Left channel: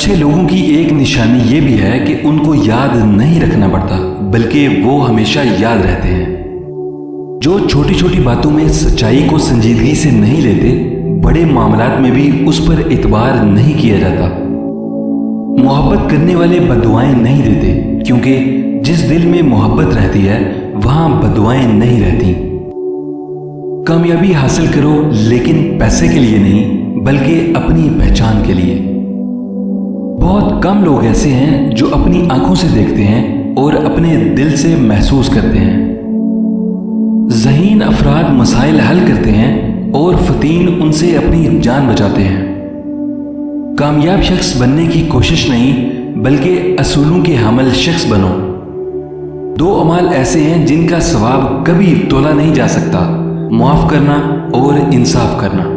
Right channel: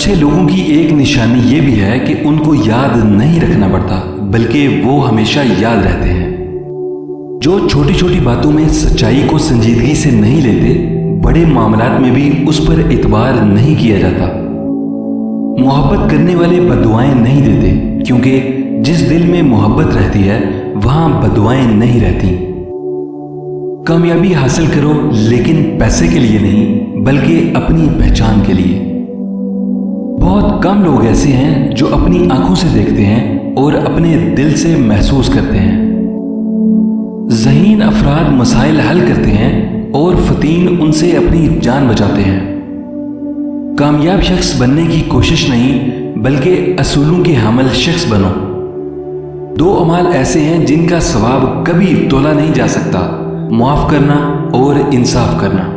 अच्छे लोगों की एक निशानी ये भी है कि उनको याद नहीं रखना पड़ता, बल्कि वो हमेशा याद रहते हैं। जो छोटी छोटी बातों में सच्चाई को संजीदगी से नहीं लेते, बड़े मामलात में भी उस पर इतबार नहीं किया जाता। मोहब्बत करने वाले बददुआएं नहीं देते, क्योंकि जिस दिल में मोहब्बत रहती है वहां बददुआएं नहीं रहती। कामयाबी हासिल करो, लेकिन पैसे के लिए नहीं, बल्कि अपनी पहचान के लिए। बहुत कम लोग ऐसे हैं जो अपनी आंखों से देखते हैं और अपने दिल से महसूस करते हैं। ज़हीन अफराद मसाइल हल करते हैं और फतीन उनसे अपनी जान बचाते हैं। कामयाब शख्स बनने की कोशिश नहीं, बल्कि असूलों के हामिल शख्स बनो। दो अमाल ऐसे हैं जिनका सवाब कभी तोला नहीं जा सकता, माफ करना और इंसाफ करना।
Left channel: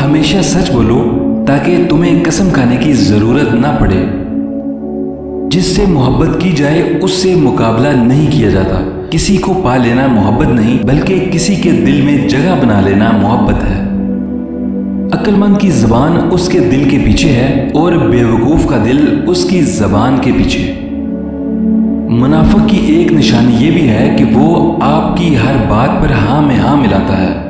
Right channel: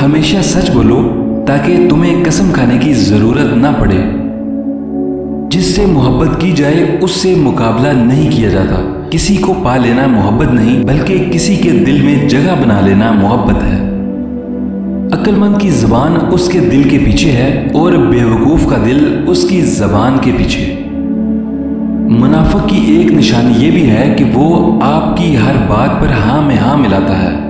हमेशा सच बोलो ताकि तुम्हें कसम खाने की जरूरत ना पड़े। जिससे मोहब्बत की जाए उससे मुकाबला नहीं किया जाता। किसी को पा लेना मोहब्बत नहीं, बल्कि किसी के दिल में जगह बना लेना मोहब्बत है। अक्लमंद की जबान उसके दिल के पीछे है और बेवकूफ का दिल उसकी जबान के पीछे। मुनाफिक की एक निशानी यह भी है कि वो आपकी हर बात पर हाँ में हाँ मिलाता है,